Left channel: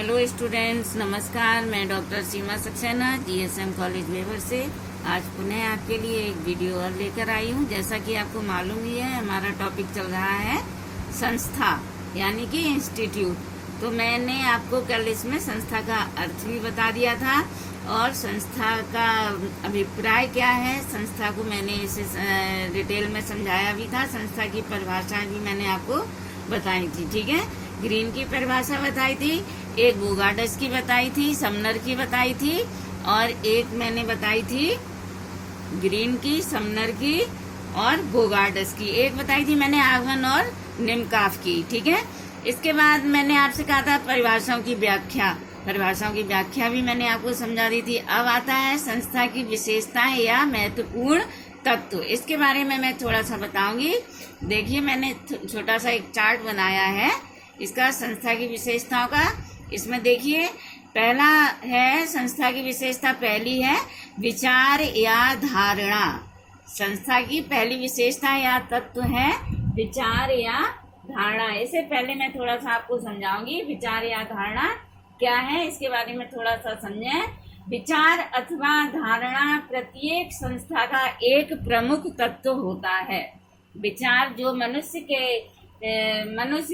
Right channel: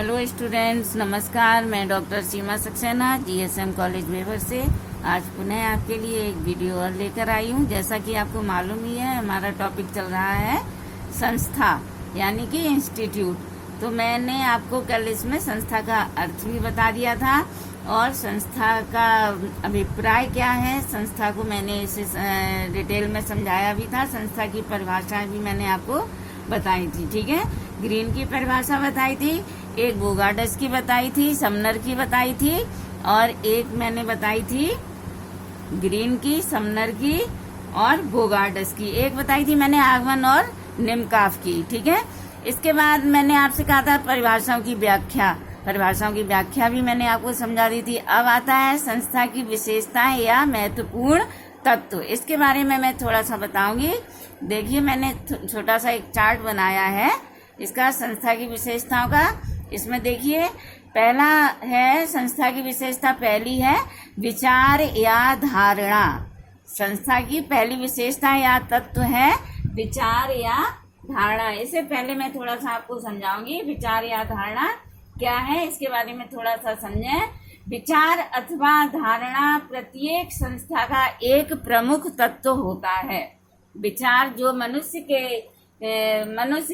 Hello students, नमस्कार। मैं doctor सीमा Saxena GSM college मेवर से आज पुनः आपके लिए एक वीडियो और लेकर आई हूँ। जैसा कि आपको मालूम ही है, हमारा टॉपिक चल रहा है संस्था यानी कि इंस्टीट्यूट। तो मैंने आपको कल इसमें संस्था का अर्थ भी बता दिया था और संस्था का अभिप्राय क्या है, संस्था को मैंने इसे डिटेल में समझाया भी था। संस्था की परिभाषा भी मैंने आपको बताई थी। ठीक है, ग्रीन की परिभाषा बताई थी, एक बोगार्डस की बताई थी, समनर की बताई थी और एक मैंने बताई थी ग्रीन की, समनर की और बोगार्डस की। एक बताई थी मैंने आगमन और निमकाफ की। ठीक है, इसके बाद मैंने आपसे कहा था परिभाषाओं की व्याख्या। परिभाषाओं की व्याख्या भी मैंने आपको समझा दी थी। अब आता है संस्था की विशेषताएं या महत्वपूर्ण तत्व। इसके बारे में मैं थोड़ा सा बताऊंगी। देखिए, मैंने छोटा सा एक चार्ट बनाया है इसका संस्था की विशेषताओं का। इसमें देखिए, पहला है संस्था की विशेषता, पहली है विचार या धारणा। संस्था की पहली विशेषता या तत्व है विचार या धारणा। इससे पहले मैं थोड़ा सा आपको समझाऊंगी विचार या धारणा क्या है, इसके बारे में थोड़ा सा समझें। विचार अथवा धारणा प्रत्येक संस्था का एक प्रमुख तत्व होता है। विचार जो मनुष्य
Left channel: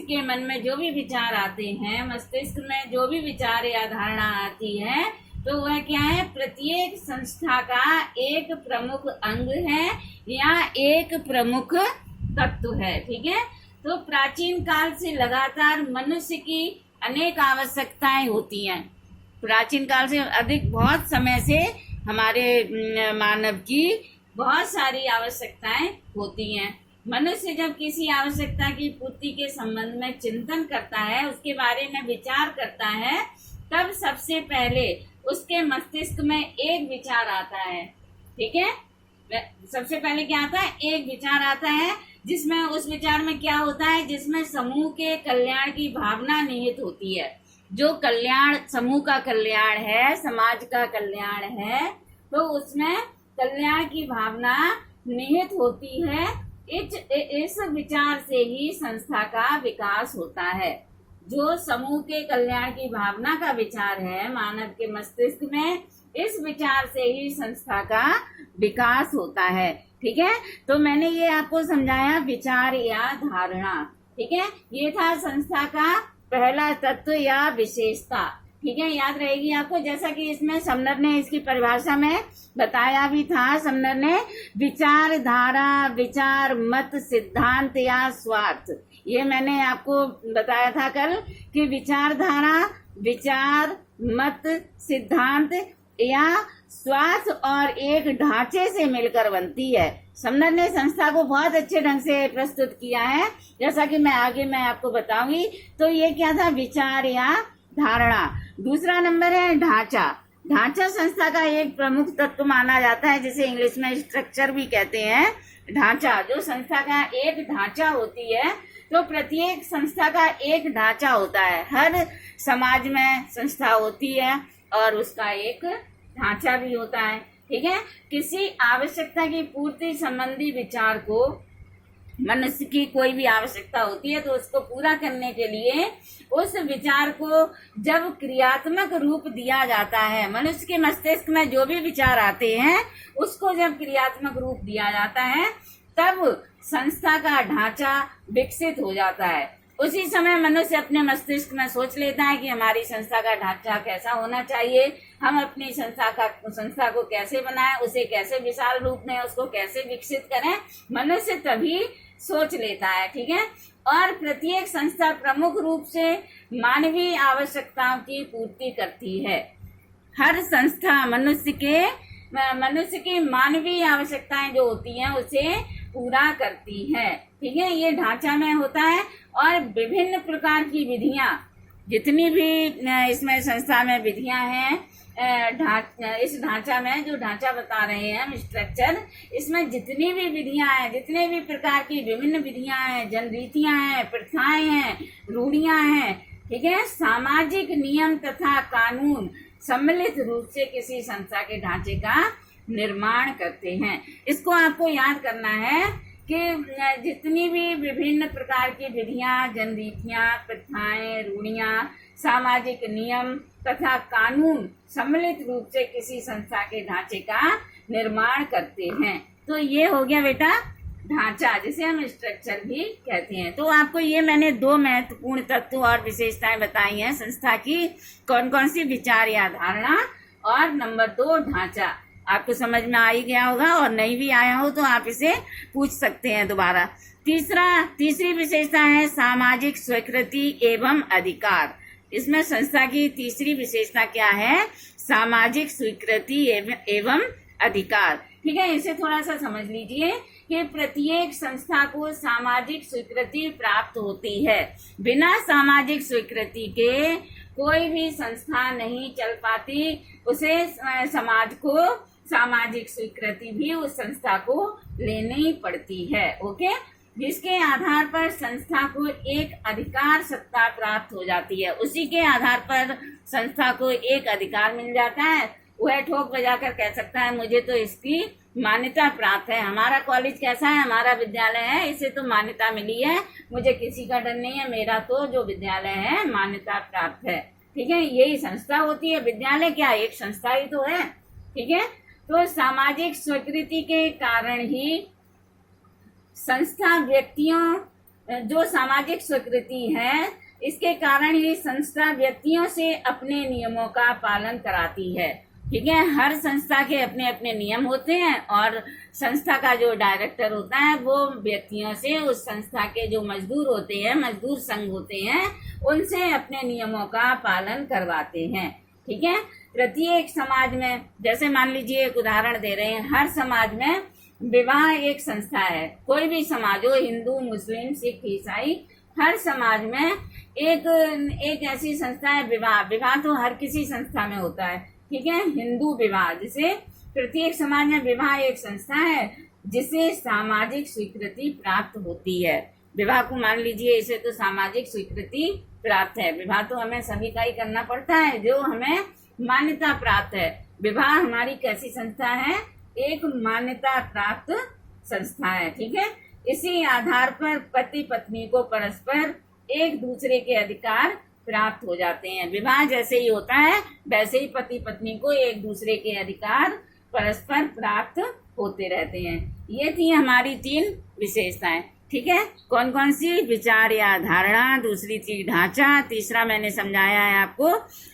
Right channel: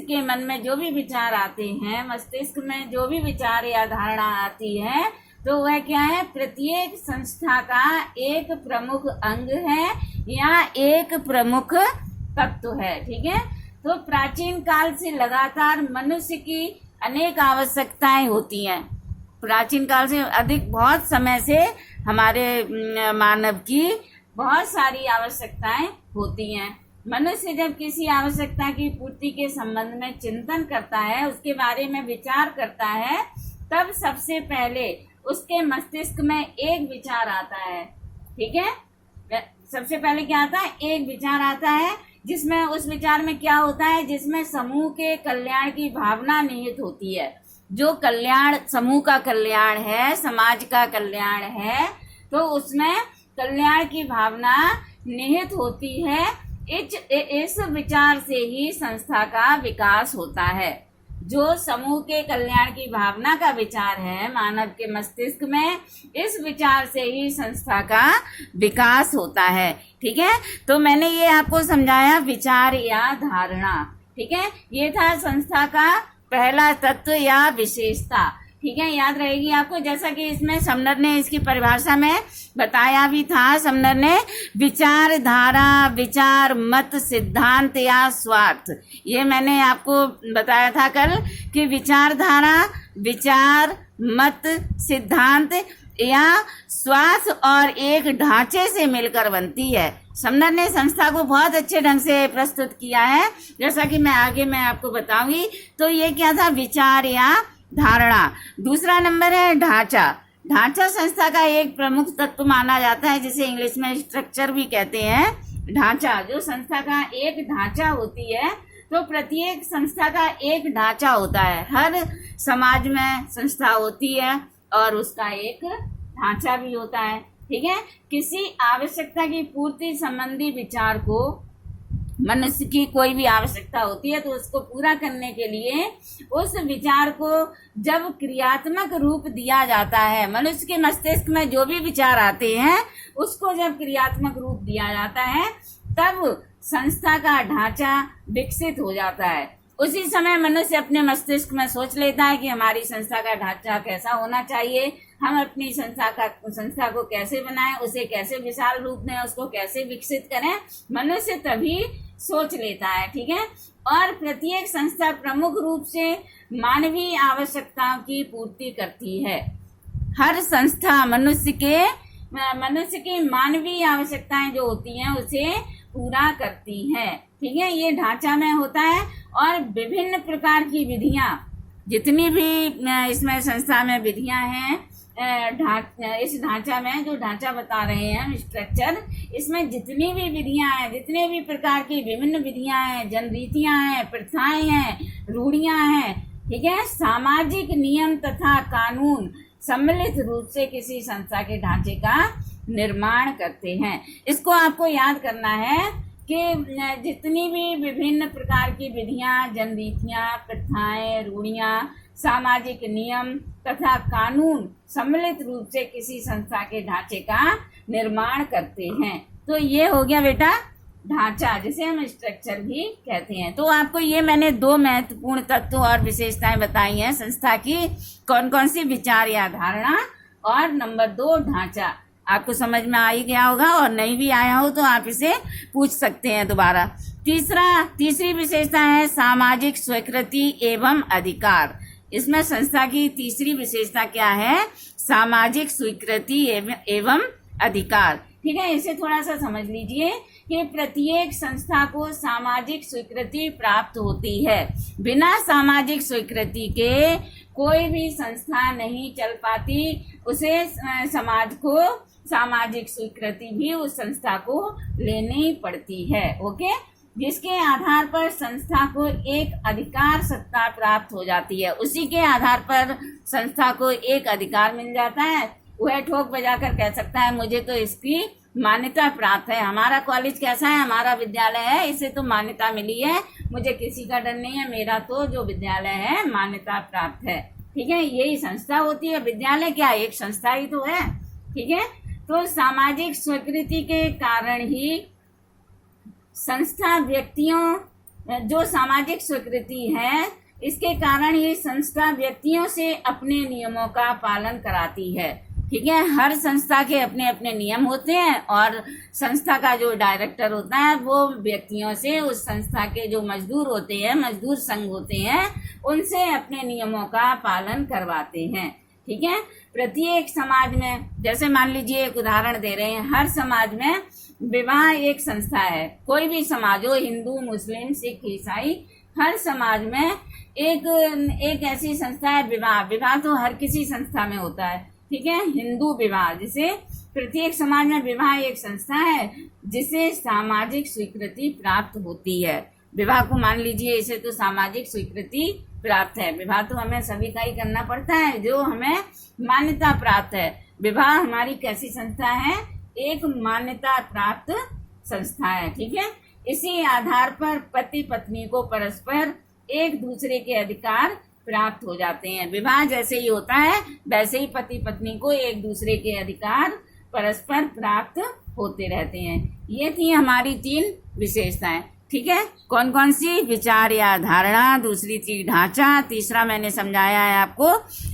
के मन में जो भी विचार आते हैं, मस्तिष्क में जो भी विचार या धारणा आती है, तो वह क्या है, प्रत्येक संस्था का एक प्रमुख अंग है या एक प्रमुख तत्व है। ठीक है, तो प्राचीन काल से लगातार मनुष्य की अनेक आवश्यकताएं होती हैं। प्राचीन काल से बहुत समय से हमारे मानव की बहुत सारी आवश्यकताएं होती हैं। मनुष्य जब किसी आवश्यकता की पूर्ति के संबंध में चिंतन करता है, उसके बारे में विचार करता है, तब सबसे पहले उसके मस्तिष्क में एक विचार आता है। ठीक है, सबसे पहले क्या आता है, एक विचार आता है, जिसमें उस विचार में क्या होता है, जिसमें समूह के कल्याण की भावना निहित होती है। जो कल्याण, समूह का कल्याण है, समाज का कल्याण है, तो उसमें कल्याण की भावना निहित होती है। इस विचार से ही संस्था का विकास होता है। जो समूह के कल्याण की भावना का विचार है मानव के मस्तिष्क में, इस विचार से ही संस्था का विकास होता है। ठीक है, तो मैंने ये आपको समझाया विचार या धारणा। ठीक है, ये था संस्था का पहला तत्व या विशेषता। ठीक है, याद रहेगी आपको। जैसा कि इसमें समनर ने इसकी परिभाषा में बताया भी था, समनर ने विचारधारा, विचार, मत, सिद्धांत या स्वार्थ, ये मैंने आपको बताया था कल कि विचारधारा, विचार, मत, सिद्धांत या स्वार्थ और एक ढांचे से मिलकर बनती है। समनर ने संस्था को बहुत अच्छे ढंग से प्रस्तुत किया है, जैसा कि मैं आपको बताऊंगी। तो ये क्या था, विचार या धारणा। दूसरा नंबर है ढांचा। ढांचा संस्था का एक प्रमुख तत्व माना जाता है, जिसे इंग्लिश में स्ट्रक्चर भी कहते हैं। ढांचा, जो संस्था का एक ढांचा होती है, तो प्रत्येक संस्था का एक ढांचा होता है। हर समाज में संस्था होती है और उसका एक ढांचा भी होता है। ठीक है, किसी आवश्यकता की पूर्ति संबंधी विचार को, मनुष्य की कोई भी आवश्यकता होती है तो उसको पूरा करने के लिए उस विचार को जब क्रियात्मक रूप दिया जाता है, मनुष्य के मस्तिष्क में जो भी विचार आते हैं उसको जब क्रियात्मक रूप दिया जाता है, तब संस्था का ढांचा विकसित हो जाता है। उसी समय मनुष्य अपने मस्तिष्क में सोच लेता है कि हमारी संस्था का ढांचा कैसा होना चाहिए, हम अपनी संस्था को कैसे बनाएं, उसे कैसे विशाल रूप में उसको कैसे विकसित करें, मनुष्य तभी सोच लेता है। ठीक है, और प्रत्येक संस्था प्रमुख रूप से मानवीय आवश्यकताओं की पूर्ति करती है। हर संस्था मनुष्य की मानवीय आवश्यकताएं जो होती हैं उसे पूरा करती है। ठीक है, ये ढांचा में होता है। और विभिन्न प्रकार की विधियां, जितनी भी इसमें संस्था में विधियां हैं, इस ढांचा में जो ढांचा बता रहे हैं हम, स्ट्रक्चर, इसमें जितनी भी विधियां हैं, जितने भी प्रकार की विभिन्न विधियां हैं, जनरीतियां हैं, प्रथाएं हैं, रूढ़ियां हैं, ठीक है, सामाजिक नियम तथा कानून सम्मिलित रूप से किसी संस्था के ढांचे का निर्माण करते हैं। इसको आपको याद करना है कि जितनी भी विभिन्न प्रकार की विधियां, जनरीतियां, प्रथाएं, रूढ़ियां, सामाजिक नियम तथा कानून सम्मिलित रूप से किसी संस्था के ढांचे का निर्माण करते हैं। तो ये हो गया बेटा ढांचा, जिसे हम स्ट्रक्चर भी कहते हैं। तो आपको ये मैंने 2 महत्वपूर्ण तत्व और विशेषताएं बताई हैं संस्था की, कौन कौन सी, विचार या धारणा, और नंबर 2 ढांचा। आपको समझ में आ ही गया होगा, और नहीं भी आया हो तो आप इसे पूछ सकते हैं दोबारा। तीसरी विशेषता है सामाजिक स्वीकृति एवं अधिकार। इसमें संस्था की तीसरी विशेषता क्या है? सामाजिक स्वीकृति एवं अधिकार। ठीक है, इसे थोड़ा सा समझ लीजिए कि प्रत्येक संस्था को सामाजिक स्वीकृति प्राप्त होती है। बिना सामाजिक स्वीकृति के कोई भी संस्था नहीं चल पाती। उसे समाज को सामाजिक स्वीकृति भी उस संस्था को लेनी पड़ती है। ओके, जिसके आधार पर संस्था को एक अधिकार सत्ता प्राप्त हो जाती है। उसी के आधार पर संस्था को एक अधिकार मिल जाता है। वह ठोक बजाकर कह सकता है मुझे तो इसकी मान्यता प्राप्त है। हमारा कॉलेज कैसा है, हमारा विद्यालय है, इसे तो मान्यता मिली है, मुझे किसी का डर नहीं है, मेरा तो जो विद्यालय है मान्यता प्राप्त है। ठीक है, यही संस्था होती है। विद्यालय क्या, एक संस्था ही तो है। ठीक है, तो सामाजिक स्वीकृति के कारण ही संस्था व्यक्तियों, जो सामाजिक स्वीकृति है, इसके कारण ये संस्था व्यक्तियों से अपने नियमों का पालन कराती है। ठीक है, हर संस्था के अपने अपने नियम होते हैं, और संस्था का जो डायरेक्टर होता है वो व्यक्तियों से, उस संस्था के जो मजदूर होते हैं, मजदूर संघ होते हैं, उनसे अपने नियमों का पालन करवाते हैं। ठीक है, प्रत्येक समाज में, जैसे मान लीजिए एक उदाहरण दे रहे हैं, हर समाज में विवाह एक संस्था है। कोई भी समाज हो, हिंदू, मुस्लिम, सिख, ईसाई, हर समाज में एक ऐसी संस्था है विवाह तो हर किसी संस्था में होता है। ठीक है, हिंदू विवाह, जिसे प्रत्येक समाज में विवाह एक संस्था है जिसे सामाजिक स्वीकृति प्राप्त होती है। विवाह को मान लीजिए, इसे तो सामाजिक स्वीकृति प्राप्त है। विवाह तो हमें सभी का ही करना पड़ता है, जो हमें मान्यता प्राप्त है। विवाह हमारी कैसी संस्था है? एक मान्यता प्राप्त संस्था है। ठीक है, इसी आधार पर पति पत्नी को परस्पर एक दूसरे के अधिकार प्राप्त हो जाते हैं। विवाह जैसे ही होता है वैसे ही पति पत्नी को एक दूसरे के अधिकार परस्पर प्राप्त होते रहते हैं। ये थी हमारी 3 विशेषताएं। ठीक है, कौन कौन सी? विचार या धारणा, दूसरी थी ढांचा, तीसरा मैंने समझाया है आपको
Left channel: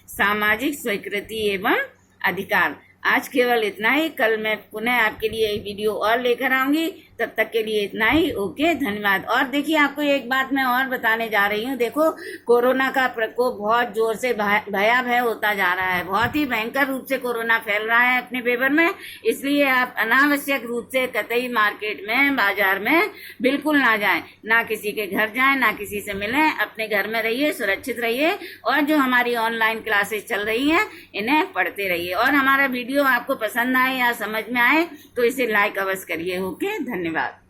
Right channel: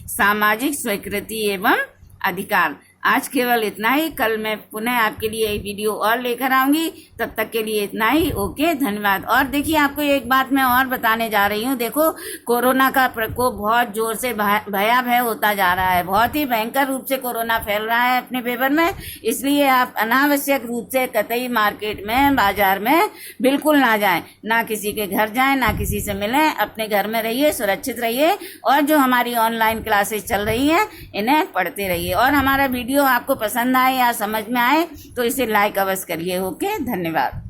सामाजिक स्वीकृति एवं अधिकार। आज केवल इतना ही, कल मैं पुनः आपके लिए एक वीडियो और लेकर आऊंगी। तब तक के लिए इतना ही। ओके, धन्यवाद। और देखिए, आपको एक बात मैं और बताने जा रही हूँ। देखो, कोरोना का प्रकोप बहुत जोर से भयावह होता जा रहा है। बहुत ही भयंकर रूप से कोरोना फैल रहा है अपने फेवर में। इसलिए आप अनावश्यक रूप से कतई मार्केट में, बाजार में बिल्कुल ना जाएं। ना किसी के घर जाएं, ना किसी से मिलें। अपने घर में रहिए, सुरक्षित रहिए, और जो हमारी ऑनलाइन क्लासेस चल रही हैं इन्हें पढ़ते रहिए। और हमारा वीडियो आपको पसंद आए या समझ में आए तो इसे लाइक अवश्य करिए। ओके, धन्यवाद।